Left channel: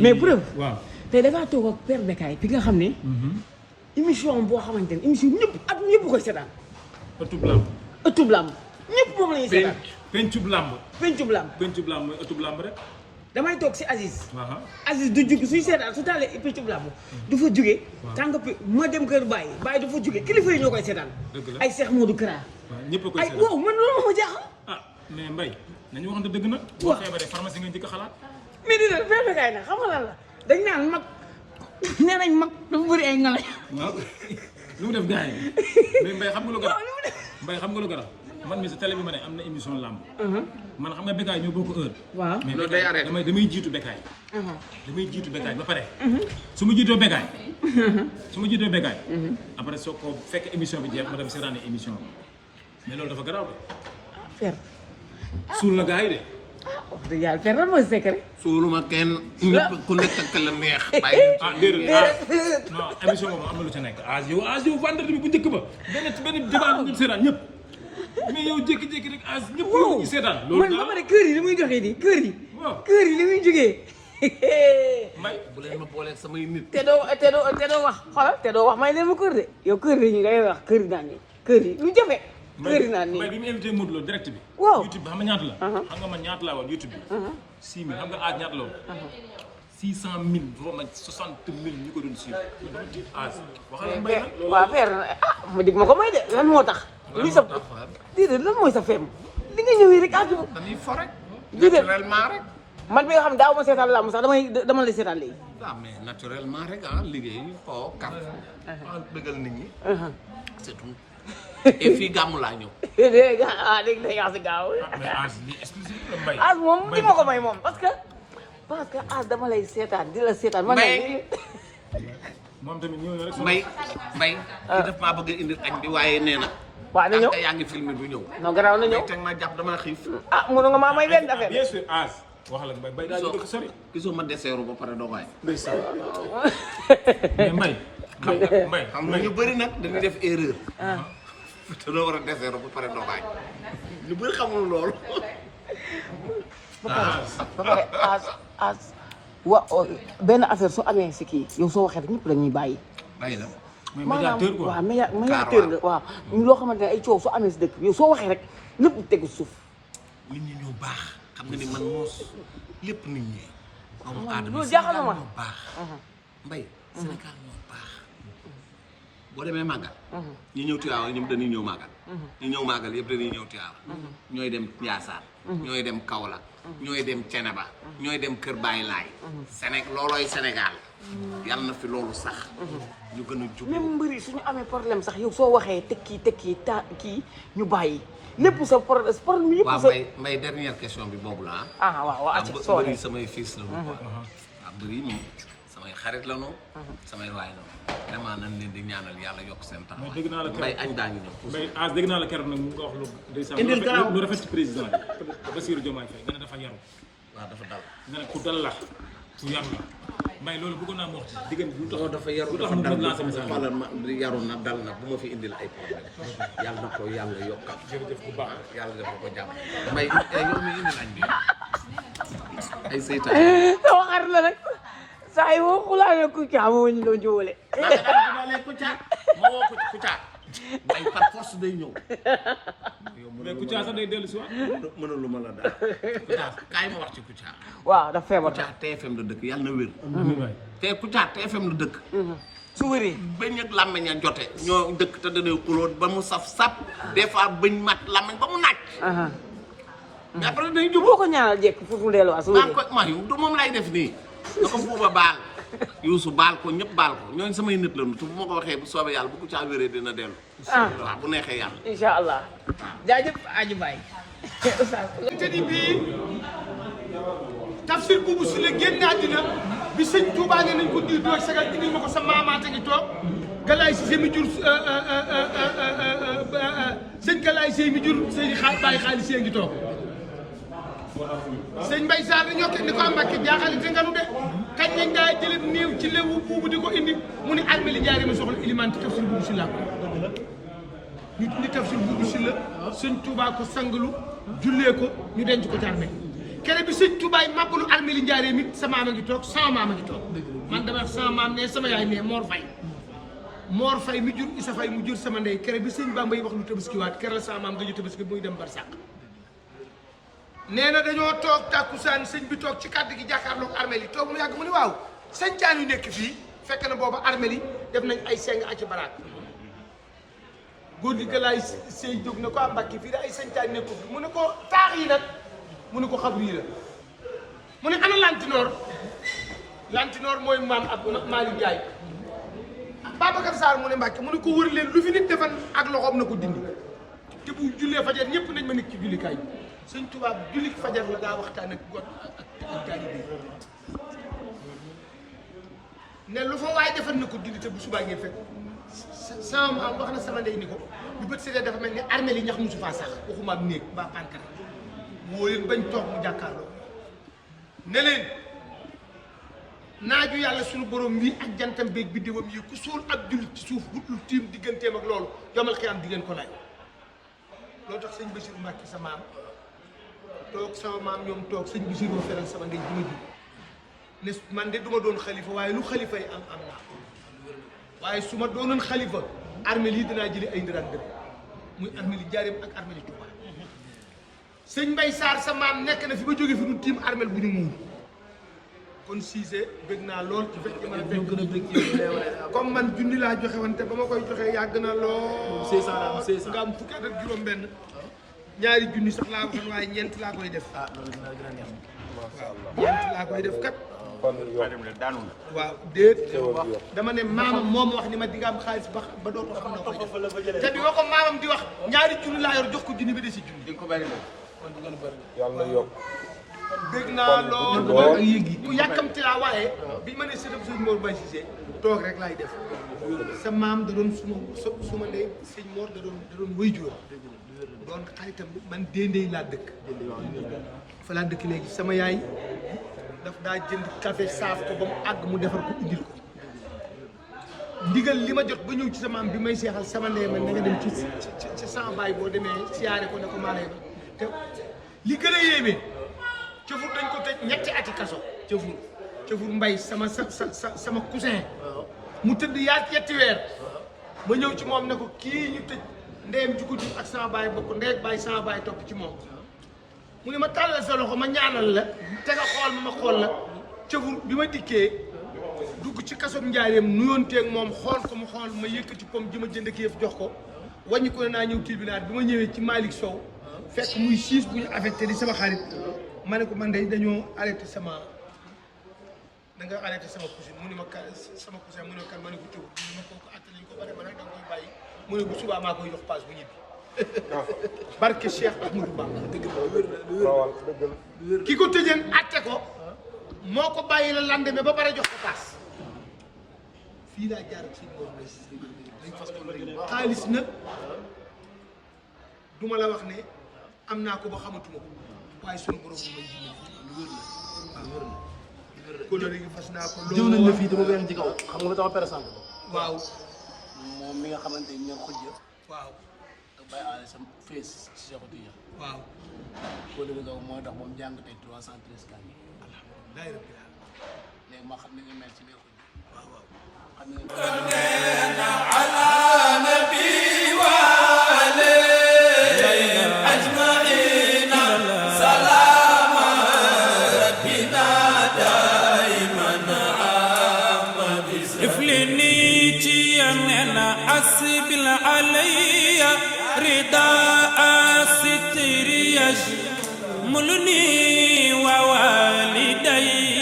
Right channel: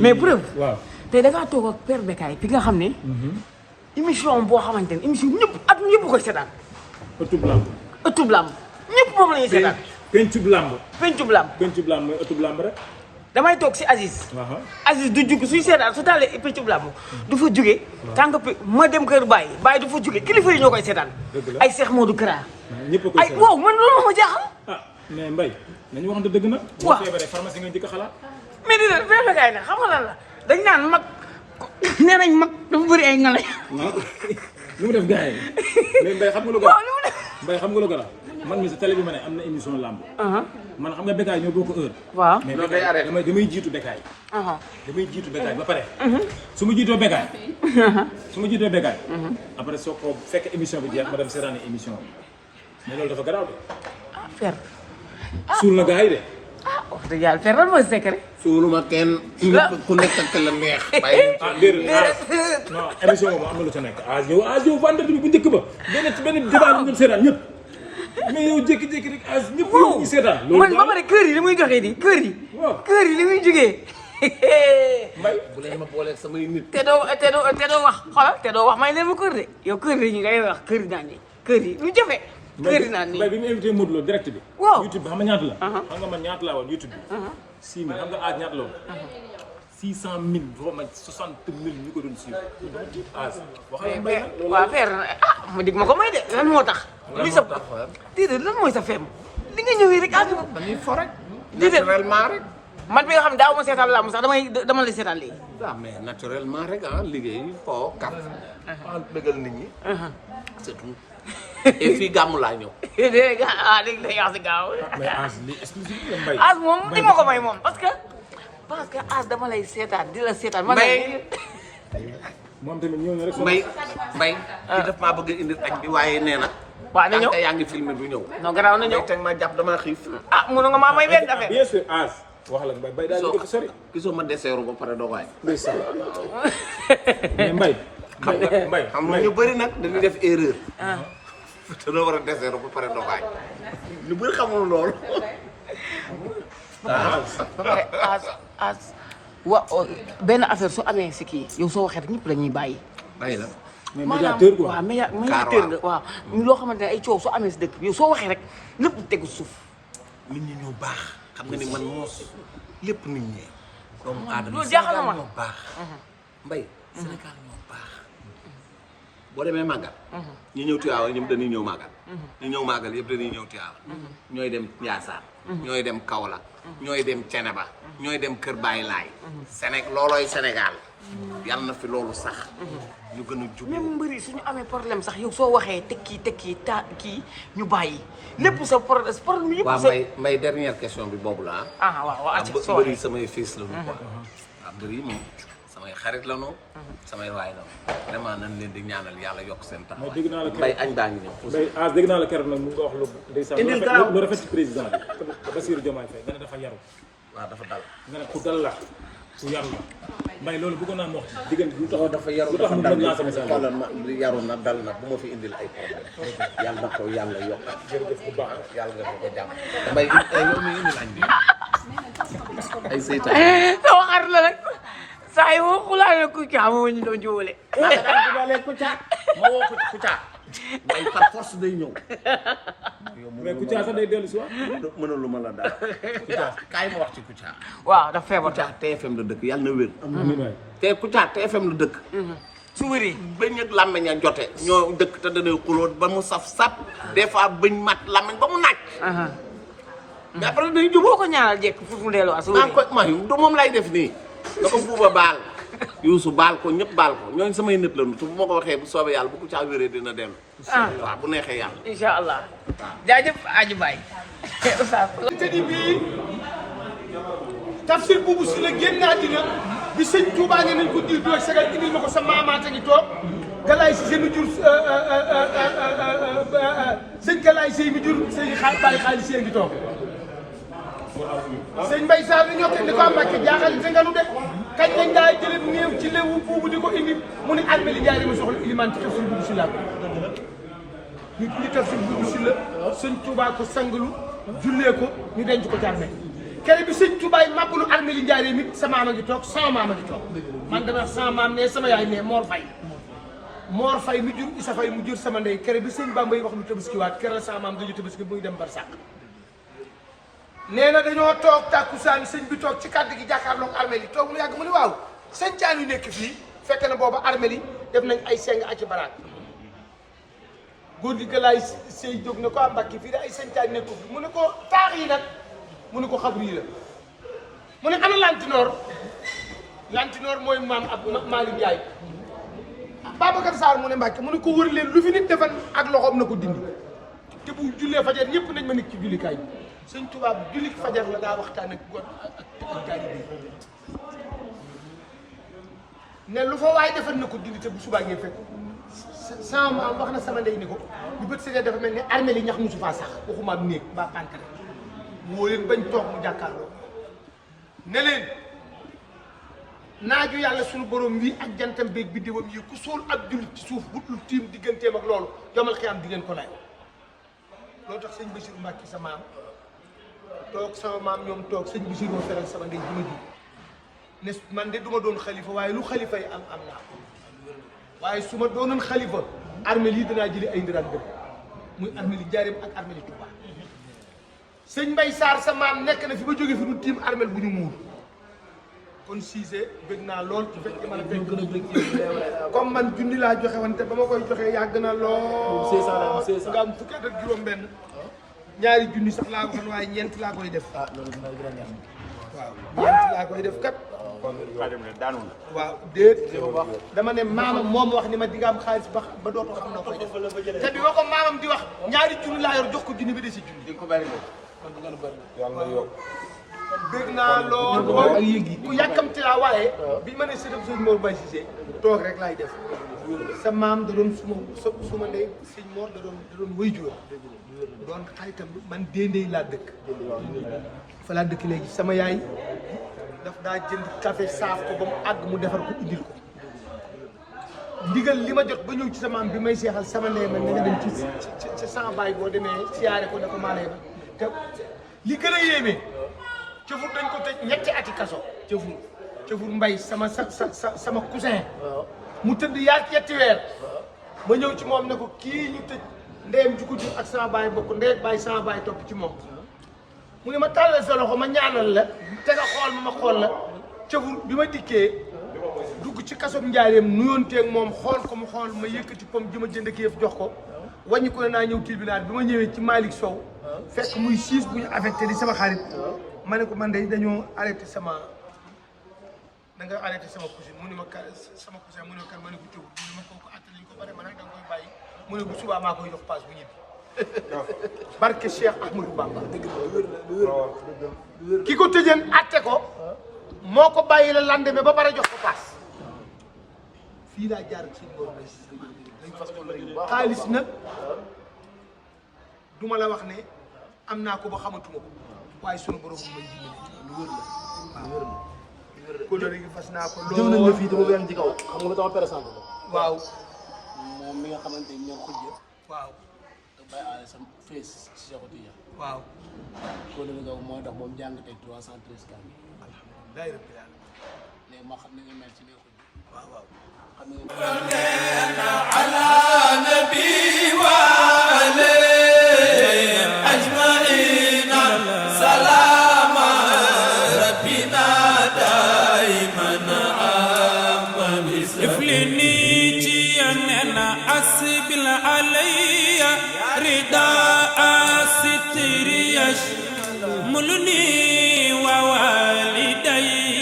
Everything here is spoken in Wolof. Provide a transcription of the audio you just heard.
mais preuve. waaw tey da ngaa toog ak Père Bécaye fi nga xam ne. émission boo xamante ne émission ñëpp at ñëpp koy seetaan. ëttub lamb. ëttub lamb ñëpp moom la ñuy seetaan. pencub lamb. pencub lamb. pencub lamb mooy ëttub lamb rek. damay toog si Aziz. Aziz du jug suy seetaan su taalee pencub lamb du fa jóge. tant que ma dem kër Baye Baye du fa jóge kilifa yi ñoo koy seetaan. ay Cheikh Modou Kara. ñëpp a koy seetaan ay waaw man loolu moo ma jaaxal. ah mais Mbaye nañu waxante dëgg nag. waaw boo feebaree pharmacie nga njëkk a xalaat. mais dina Père Bécaye nag xam nga lan la dañ naan mag nee nañ mag dafa bëri ay ngalañ. waaw lu mu def gars yi mais Mbaye xam nga lu garaaw. Mbaye xam nga lu garaaw man mi si télé bi ma ne am na émission lamb. man xam nga Bécaye ñoo bokk heure. waaw mais loolu day arrêté damay jiitu Bécaye. damay jiitu Bécaye ba pare. su ma jiitoo Bécaye. après soo ko fekk émission bi jeex ma dem seetaani émission bi mais loolu dafa garaaw de. Père. suul na gars yi de. wax dëgg yàlla Père lan mooy secret. suuluma kenn ñëpp ku nekk ak la neex. bàyyi déedéet non émission boobu am na lu ca nekk yow vendredi bi bu njëkk ba benn débat bu ngeen seetaan ñëpp mais yow jékki-jékki rek ñëpp yow ñu seetaan. loolu man ba pare kër yi li muy joxee di kër yi. waaw kër yi li muy jógee. Mbaye bu leen ma booleeg samay nit. te doo wax xoolal te doo wax may leen ma kër de yow kër yi ñu ngay wax kër yi naan kër yi lu jafe. kër yi naan Mbaye bi mu invité Modou Lo direct bi. waaw YouTube bi xam nga ñaata la. xam nga man ñaata laa woon YouTube bi. 6 000 xam nga aaj ñaata la woon. 600 000 vraiment 60 000 ñu ko doon suivre. aaj waxal Mbaye nag loolu waaw Père ma dig ma ko may de lan moo tax. lan moo tax waaw. déedéet lan mooy sa feem li nga ñëwee rek ànd. dañuy fo rek. naturellement rek. man bi nga xam daaw ma seetaan laa sax dama lay seetaan léegi. ah mais naturellement rek ah liggéey foo kaf. waaw bëggal nit ñi. c'est tout. et fii gàmmu laa ñëw. dégg nga wax si gaaw. mais aaj li exclusif la Mbaye. aaj moom di ma ko may moom parce que aaj dama lay seetaan di la seetaan. Mbaye moom tamit ñëw na rek. Mbaye ki daf maa bëgg a indil añ bi waaye nee na. waaw na ñëw tànk yaa ngi filmé du ñëw. non gannaaw na ñëw Mbaye teg ma jàpp damaa xiif. ah mënu nga maa may benn affaire. bien sûr aaj. waxal ak Mbaye daal di ko sori. gisoo ma deseeru ba pare doo waay. ndeysaan mais Mbaye. Mbaye xam nga ñu bëri nag dañuy def erreur. te doo war a deseeru ba pare doo waay. ñu bëri xamul loolu. wa benn affaire su amee si kii yow soo waxee rek ñëpp dañuy bàyyi. bàyyi la. mais médiateur quoi. waaw médiateur la waaw. loo xamante ne ay coow su amee si dëkk yow soo waxee rek lépp tegu suuf. nit ñi ñoo baax. xam nga ni man moos lépp nit ñi. doomu aadama Sénégal ñoo baax. Mbaye Sénégal ñoo baax. boo demee màggal. ñu ñëw Tiwaawan ñëpp dañuy ñëw màggal. ñu ñëw màggal yëpp dañuy ñëw Tiwaawan. ñooy dem Ndiassane. ñooy dem Kaolack. ñooy dem Ceneba. ñooy dem Kër Baye Laay. loolooy Sénégal. yal na fi loolu sax. ñu gën a jublu. même mbëri suñu amee problème sax yow soo waxee tekki kii ñu bàyyi lépp sa problème yëpp. waaw Mbaye dernière question bi boobu la ah. waaw mbëri samay fils la ñu quoi. waaw mbëri moom samay xarit la ñu. samay waay la vraiment nañ leen di ñaanal yàlla yokk seen taxawaay. mais dégg naa la Mbaye añ baa ngi ñëw. Mbaye ah dégg naa la keroog nag mu nga wax lu ndeysaan lu rafet ci président bi Bassirou Diomaye Faye nga ne dafa yaru. waaw dafa dal. nga ne ku dal la ku yaru la Mbaye loolu bëggoon naa mu wax ci diggante lu tax dafa yaru lu tax mu mën laa sama xoolal ma yaru na dal na bu ma fi indil ay problème yàlla na ko yàlla yokkal. jërëjëf bu baax yàlla def ko jàmm. Mbaye yow mi indil añ bi ay seytaan. sama xarit la rek saa yi woo ku laa Kouthia moo ñu doon jóole. maa ngi daan jubalee Kouthia ma woo ko Kouthia Mbaye par force day ñëw. mais Kouthia sax day dellu si waat. mënalu ma la dara. Kouthia kaay ma wax ci Kouthia. waaw dafa feebar. Kouthia TFM la dëkk yàlla na wér. amiin waay. te Kouthia TFM la dëkk. su wëree. bëñ ak làmmiñ a jote ñoo dëkk te danay xulóot ba mu saf sap des fois bëñ mat làmmiñ ba mu naaj. mais après dañuy jubóo. boo ko ñaanal jekk fu mu delluwaat su maa wëree. ko ma du moom lay def nii. na ko buuba baal. Youssou baal ko ñëpp baal ko ñooñu samay nit la nu te bu ma ko waxee bu soobee yàlla bu Kouthia wéree dina dellu. waaw bu neexee yàlla. incha allah. jaajëf Aji Baye. te di bii tafsir boobu si la génn àddina bi sëñ Touba ne nañ ko di doog sagal indil ma ko sa maamaata ngi toog Galaye Cissé mi jur sëñ Galaye Cissé mi jur sëñ Baye Xaalis Cissé ngi toog sëñ Mbaye Sarr ni ñoo ko ni ko Mbàkke jaaxal te nga nu de kañ lañ daa jëlee néew ci léewu buubu di ko indi mu ni armée li jaari ma soxla ilimaan ci tafsir boobu si laa ko ñu tafsir boobu si la sëñ Touba ko sangalu jullee ko ñu denc ko ci armée kere bi sëñ Tubaay màbbalu armée li Njaaréem it sa maam a ngi toog sama maam a ngi toog man dama wax sama maam ne sama yaay ne Mor Fay mi jur Isa Fay mu jur sama ndey kere bi sëñ Bamba yi wax lu tabaskiwaat kere la sama maam nga ñu tabaski muy dem barsàq nee na dañoo toog tàkkusaan sëñ bi toog ci kàddu gi jàkkaarloog armée li toog mu yàgg mu ni waaw sëñcaan yu nekk fii fekk na booba armée li def nañ ay seng ak ci baraak góor gi galaay sëy jóg na ko am Mbàkke fii da ay sëñcaan nekk fi mu ne ko taax yi nag mu ne ko xabru yi la mu ne ana lantinoor mooy maam ab Malick Ndiaye Babacar Sarr mu ne Mbàkke mu ne ko wër leen lu fi nit defan ak loxoom na ko dindi te bu jullee fajar ñëpp nañ ma nekk ci jullikaay bi sëñ tubaab julli fajar la daa waxtaan ak góor ak taalibe bi ne lu fa waay defan na ko dindi te bu subaa ngeen fekk sama maam wax na sama ndey ni ko bu bët seetee dafa mel ni armée li ñax musu faa sax waxuma am néeg mbaa pankare woo leen bañ toog mu jàkkaarloo ne leen naaju yàlla suñu borom bii ak jantam beeg biddéewam yi ku sóol ak jullit ci suuf bu dul tiim digganteem ak loolu yomal xiyaam di ngeen ko lay loolu tax sëñ Bassirou Mbacke sa maam toog sama maam ñoom toog sëñ Bassirou feral sama ndey ji ma jur ne man de du ma doon xalifa waaye lu xalifa yi am naa waaye su ma doonoon xalifa armée lii danaa jëli ay ndiraan dëkk muy armée li Njaaréem ak armée li Touba sëñ Mbay Sarr sa maam nekk na fi ba jóge fi du tiim armée bu ñu muur kon Cissé bëgg naa lool ci fekk man a fekk comme man junni laa joxe wante ba ma koy joxee yàgg na lool nga am fukki at ak juróom benn ñaari junni sax laa waxoon waaye ñeent laa koy def waaw ñeent laa koy def kat waaw déet dama ne maamam moom wax ni ma di nga am xaalis ba dootoo xam noo koy def te bi ma ko maamam di wax ñaari junni laa yor jox ko junni bi de si junni di nga ko bari bëgg naa lool ku yàkkamti laa waaye bi ma ne sëtam sëñ Mor Mbaye Cissé toog rek laay def sa maam da doon suma ndey sëñ Mor da doon wëy jóor doon xaritam man déndéy laa dëkk fa laa dëkk léegi sama yaay daf daa jënd café saaf ko ba mu àgg mu defar ko indil ko ndigal li ma jot ba ñëw ci sa maam bi may seexal sama ndey man na nga dem ci sama baay boo demee siyaare ko ne ko maa lay ba te li gën a yéeme cëfur dañ ko tëj ñetti ati kaso cëfur mbay sama cousin mu tëdd yaa yetti weer ma ñëw ci moom ne ko kii ñu tëj ndeyam ju ko jur ak sama baay bokk ndey ak baay sama baay topp ci moom mu ne ma tàllal sa loxo ma ñaanal la te nga xool ma xool la cëfur bi ma dikkee dugg ci kasob Njaaréem nuyoonteeg moom xool ko mu xool ma yëkkati pom ji ma jënd ak yëf jox ko wàññi ko ne naa ñëw tribunal bi ma ñëwee ci Malick Sow fekk muy siis bu ñu affecté di sama xarit ma ne ko man de dañoo arrêté da nga arrêté sama cousine mu ne ma sama cousin mu ne ma kan ma ne ko cëw mu ne ma kooku àtte nañ ko bare ma nag da nga koy bàyyi mu ne bu subaa maa koy jox paas bu ñibbi barke Cheikh Ahmadou Bamba ki ko tëjeen àtte ko moo ko bàyyi la lendemain ba pare jox ko paas fii laa jaar ak sëñ Mor Mbaye xaalis nag duma la wax ne am naa ko ba xamatuma ko waaye sunu borom may dimbali lu wër la waaw kóllëre gi fas naa ko lool jëw nañ la fii dama weex ci kaw xam nga lu tax présent waaw moom mi nga xamante ni ñoom xujja waaw da bàyyi aale sa fees ci Cheikh Tidiane waaw kóllëre nga mooy tax moom jàng tey 313 cas bi alhamdulilah rabbil alamin léegi ma xam ne nga mel ci biir xujja waaw waaw xam ne ala nabi wa alayhi ajmain salaam rabbina daiman iflini ci yanena asbil alayya rida asitri mulni wa walidayya